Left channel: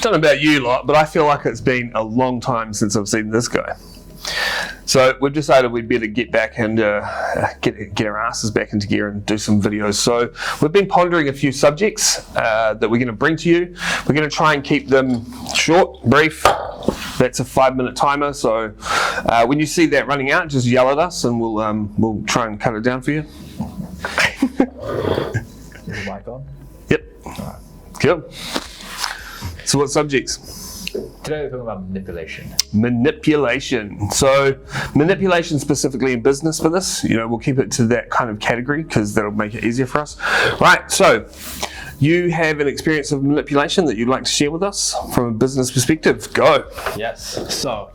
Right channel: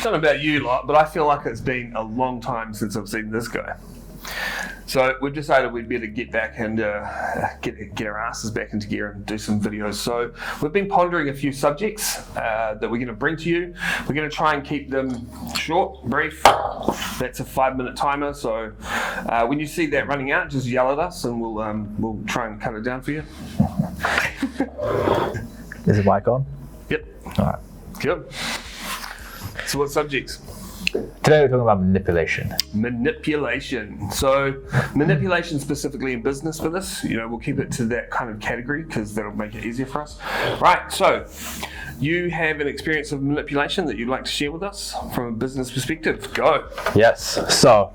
don't know about you lot, but I feel like it's been a long time since I've seen this guy. So we've decided we'd better get back and get our asses back into gear and do some videos. So we've been pondering a few subjects that we're going to bring to you. We're going to try and keep them short, brief. That's a 5-minute timer. So when you see that running out, just yell at us and we'll try and cut it down for you. Is the mic on? Yep. All right. Cool. So what subjects? Today we're talking about manipulation. Manipulation. So manipulation specifically in business for this, we'll keep it to that kind of category because that'll make it easier for us. Right, so you have an experience of manipulation that you'd like to share with us from a business perspective. Go. Yes. So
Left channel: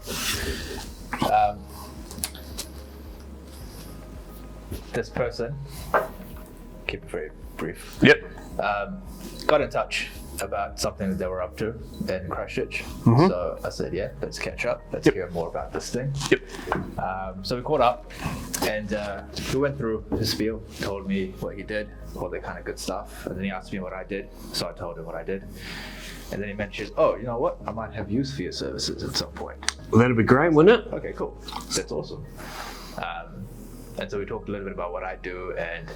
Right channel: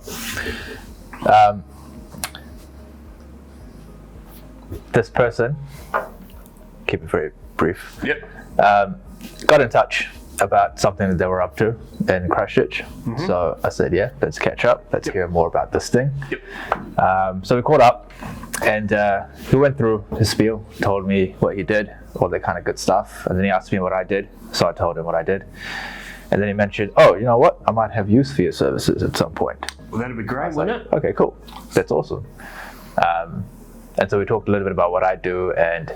this person, keep it very brief. Yep. Got in touch about something that they were up to in Christchurch. Mm-hmm. So I said, yeah, let's catch up. Let's hear more about this thing. Yep. So we caught up and he went through his spiel, told me what he did, all that kind of good stuff. And then he asked me what I did. So I told him what I did. And then he mentioned, oh, you know what? I might have use for your services at some point. Well, that'd be great, wouldn't it? Okay, cool. That's awesome. And so we talked a little bit about what I do and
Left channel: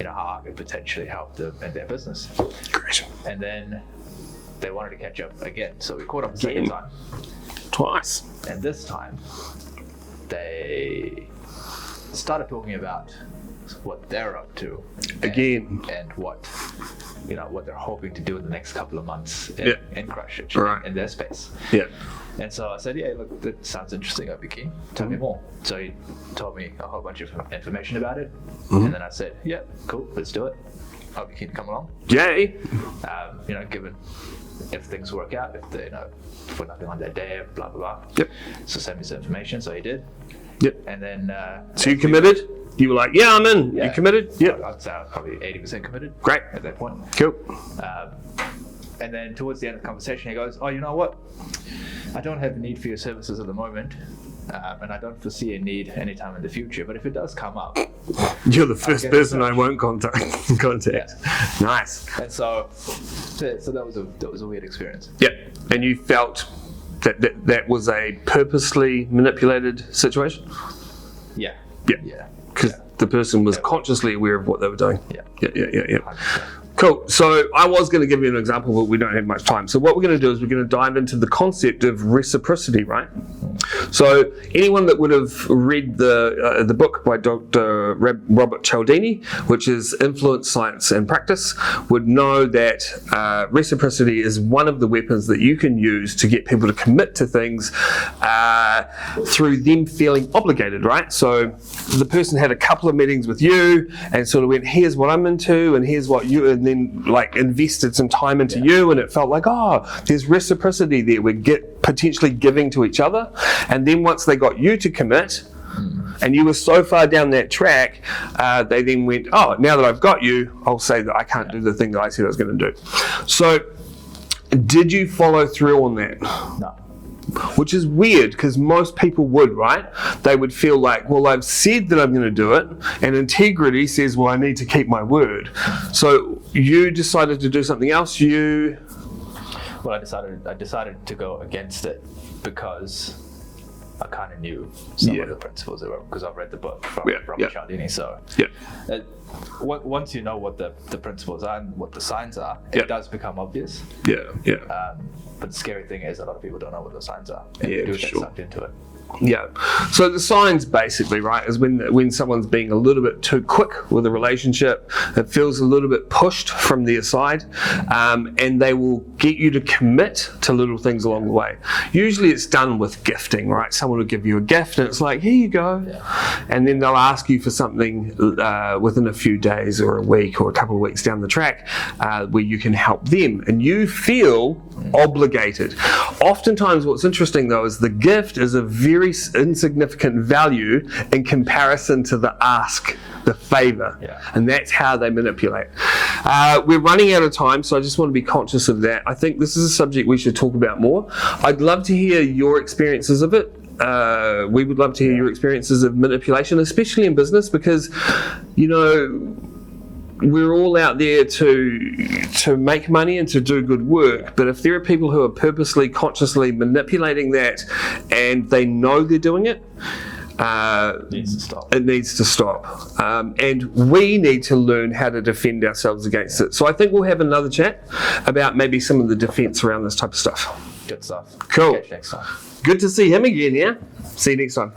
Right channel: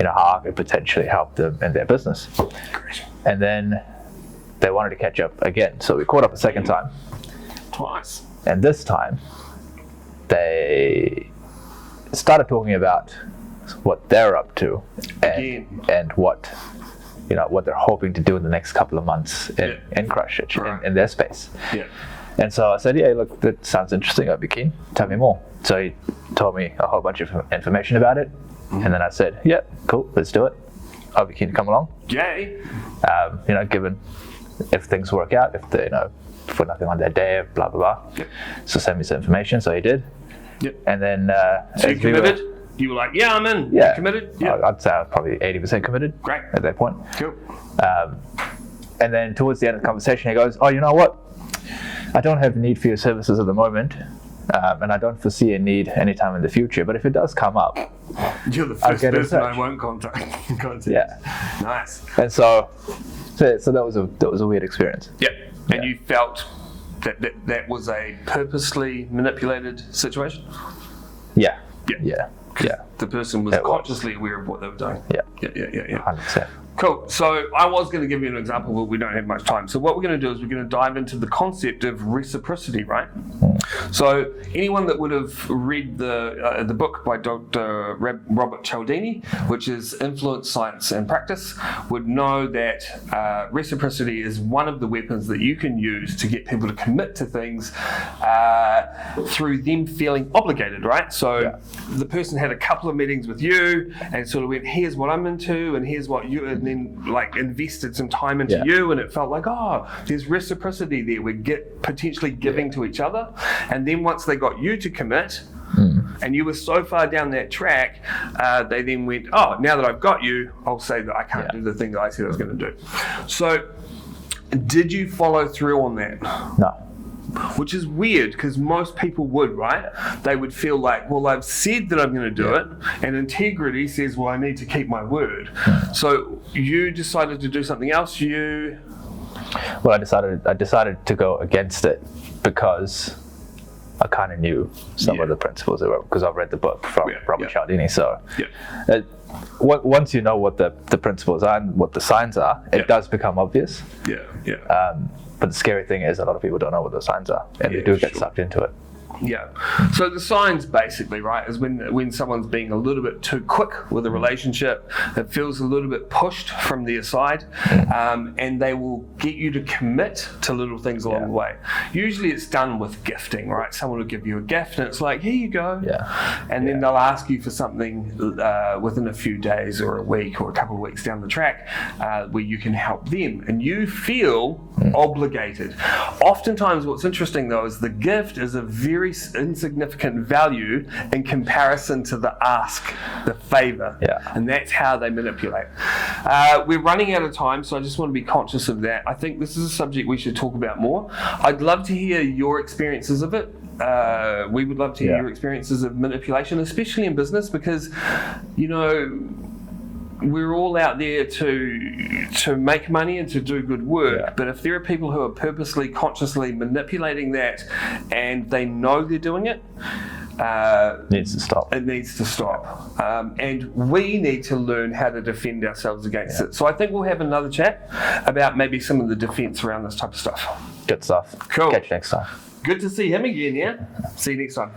how I could potentially help them in their business. Great. And then they wanted to catch up again. So we caught up a second time. Twice. And this time, they started talking about what they're up to. And what they're hoping to do in the next couple of months in Christchurch, right. in their space. Yeah. And so I said, yeah, look, that sounds interesting. I'd be keen. Tell me more. So he told me a whole bunch of information about it. Mm-hmm. And then I said, yeah, cool, let's do it. I'll be keen to come along. Yay. Given if things work out, if we're nothing on that day, blah, blah, blah. Yep. So send me some information. So he did. Yep. And then... so you committed? You were like, yeah, I'm in. Yeah. You committed? Yeah. I'd say I was probably 80% committed. Great. At that point. Cool. And then towards the end of the conversation, he goes, oh, you know what? I don't have a need for your services at the moment. And I don't foresee a need anytime in the future. But if it does come up, you're the first person I won't contact. Yeah. Nice. And so that was a weird experience. Yep. And you felt that was a purposely manipulated situation? Yeah. Yeah. Yeah. Because the person was consciously aware of what they were doing. Yeah. Yeah. 100%. Cool. So I was going to give you an example, but we don't have much time. So what we're going to do is we're going to dive into the concept of reciprocity, right? So anyone that would have read the book by Dr. Robert Cialdini, which is Influence, Science and Practice, would know that reciprocity is one of the weapons that you can use to get people to commit to things through them feeling obligated, right? So the person had a couple of meetings with you and sort of went, here's what I'm into and here's what you... And then invested some time into you, and it felt like, there's reciprocity there. We're potentially giving to each other. And then once they got you to commit, and you were so far down that track, they then went, now that I've got you, I'll say that I can't do the thing that I said I was going to do. So did you follow through on that? No. Which is weird because most people would, right? They would feel like, well, I've said that I'm going to do it, and integrity says, well, I need to keep my word. So you decided to do something else. Well, I decided to go against it because I kind of knew some of the principles because I've read the book from Robert Cialdini. So once you know what the principles are and what the signs are, it does become obvious. But the scary thing is a lot of people don't know what the signs are, and they do get sucked into it. Yeah. So the signs basically, right, is when someone's being a little bit too quick with a relationship, it feels a little bit pushed from their side, and they will get you to commit to little things along the way. Usually it's done with gifting, right? Someone will give you a gift and it's like, here you go. And then they'll ask you for something within a few days or a week or a couple of weeks down the track where you can help them, and you feel obligated. Oftentimes what's interesting though is the gift is a very insignificant value in comparison to the ask, the favor, and that's how they manipulate. We're running out of time, so I just want to be conscious of that. I think this is a subject we should talk about more. I'd love to hear your experiences of it. We would love to hear your experiences of manipulation, especially in business, because we're all out there to make money and to do good work, but if there are people who are purposely, consciously manipulating that and they know they're doing it, needs to stop. It needs to stop. And we need to learn how to defend ourselves against it. So I think we'll have another chat about maybe some of the defense around this type of stuff. Good stuff. Cool. Catch you next time. Good to see him again, yeah? See you next time.